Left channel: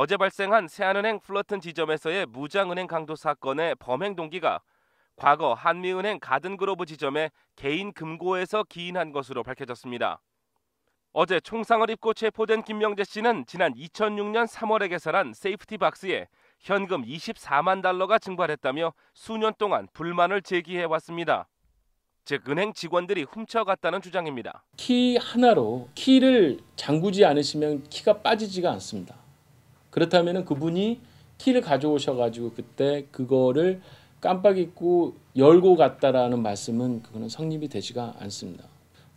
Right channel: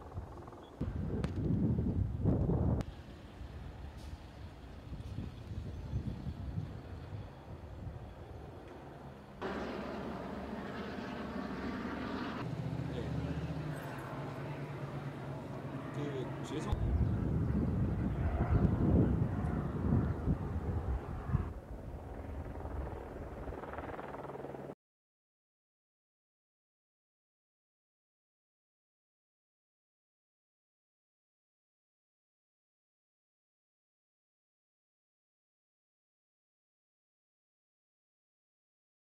어제 발생한 세안은행 플러튼 지점에서의 무장은행 강도 사건의 범행 동기가 과거 한미은행 가든그로브 지점의 개인 금고에서 기인한 것으로 밝혀졌습니다. 어제 총상을 입고 체포된 김명재 씨는 지난 2006년 3월에 개설한 세이프티 박스에 현금 24만 달러가 증발했다며 수년 동안 불만을 제기해 왔습니다. 즉 은행 직원들이 훔쳐갔다는 주장입니다. 키 하나로 키를 잠그지 않으시면 키가 빠지지가 않습니다. 그렇다면 그분이 키를 가져오셔가지고 그때 그거를 깜빡 잊고 열고 갔다라는 말씀은 그거는 성립이 되지가 않습니다.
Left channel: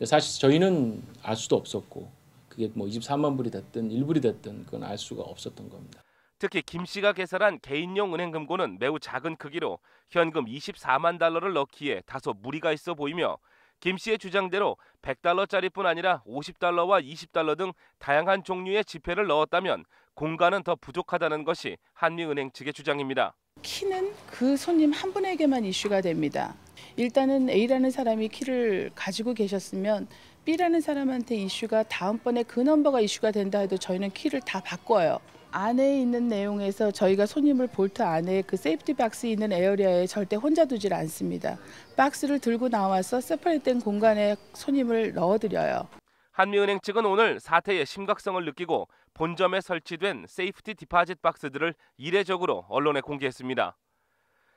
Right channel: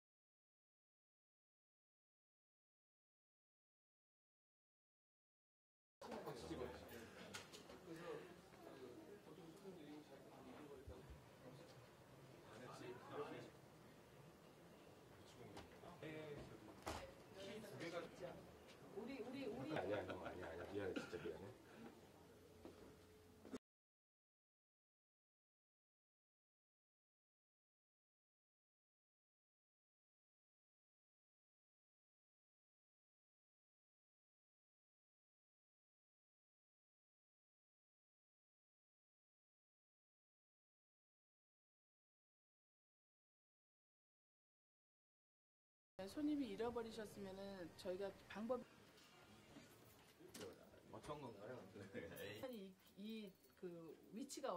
사실 저희는 알 수도 없었고 그게 뭐 24만 불이 됐든 1불이 됐든 그건 알 수가 없었던 겁니다. 특히 김 씨가 개설한 개인용 은행 금고는 매우 작은 크기로 현금 24만 달러를 넣기에 다소 무리가 있어 보이며 김 씨의 주장대로 100달러짜리뿐 아니라 50달러와 20달러 등 다양한 종류의 지폐를 넣었다면 공간은 더 부족하다는 것이 한미은행 측의 주장입니다. 키는 그 손님 한 분에게만 이슈가 됩니다. 일단은 A라는 사람이 키를 가지고 계셨으면 B라는 사람한테 이슈가 다음번에 그 넘버가 이슈가 된다 해도 저희는 키를 다 바꿔요. 안에 있는 내용에서 저희가 손님을 볼트 안에 그 세이프티 박스 있는 에어리아에 절대 혼자 두질 않습니다. 박스를 들고 나와서 세퍼레이트된 공간에 손님을 넣어드려요. 한미은행 측은 오늘 사태의 심각성을 느끼고 본점에 설치된 세이프티 디파짓 박스들을 이례적으로 언론에 공개했습니다.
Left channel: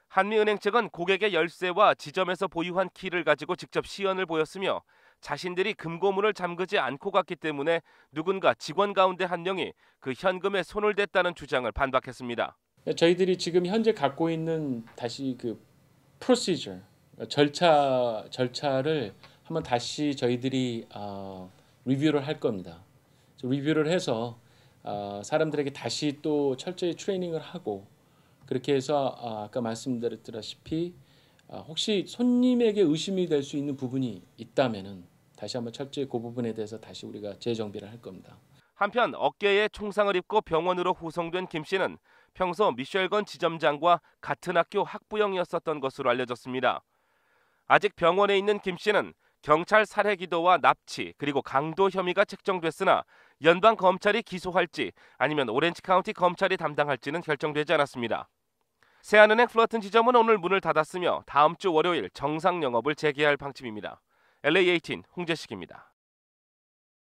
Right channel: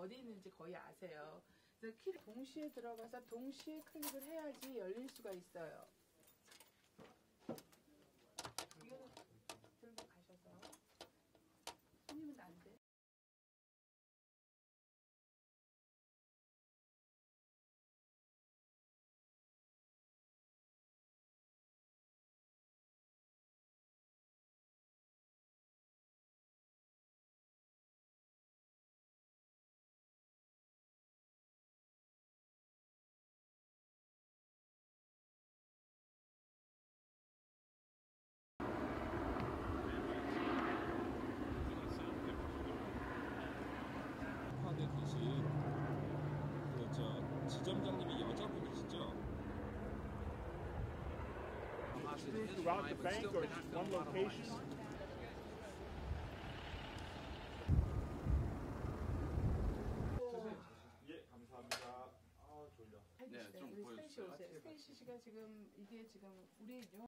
한미은행 측은 고객의 열쇠와 지점에서 보유한 키를 가지고 직접 시연을 보였으며 자신들이 금고문을 잠그지 않고 갔기 때문에 누군가 직원 가운데 한 명이 그 현금에 손을 댔다는 주장을 반박했습니다. 저희들이 지금 현재 갖고 있는 다시 그 procedure 절차 절차를 한번 다시 저희들이 어, 리뷰를 할 겁니다. 리뷰를 해서 어, 사람들에게 다시 또 철저히 트레이닝을 하고 그렇게 해서 어, 아까 말씀드렸다시피 어, 혹시 손님에게 의심이 될 수 있는 부분이 있다면은 다시 한번 철저히 그 부분에 대해서 다시 우리가 재정비를 할 겁니다. 한편 어깨에 총상을 입고 병원으로 후송된 김 씨는 평소 미셸건 지점장과 같은 학교 학부형이었었던 것으로 알려졌습니다. 아직 병원에 있는 김 씨는 경찰 살해 기도와 납치 그리고 강도 혐의가 책정됐으나 연방 검찰이 기소할지 아니면 오렌지 카운티 검찰이 담당할지는 결정되지 않았습니다. 세안은행 플러튼 지점은 오늘 문을 닫았으며 다음 주 월요일 정상 영업을 재개할 방침입니다. LA18 홍재식입니다.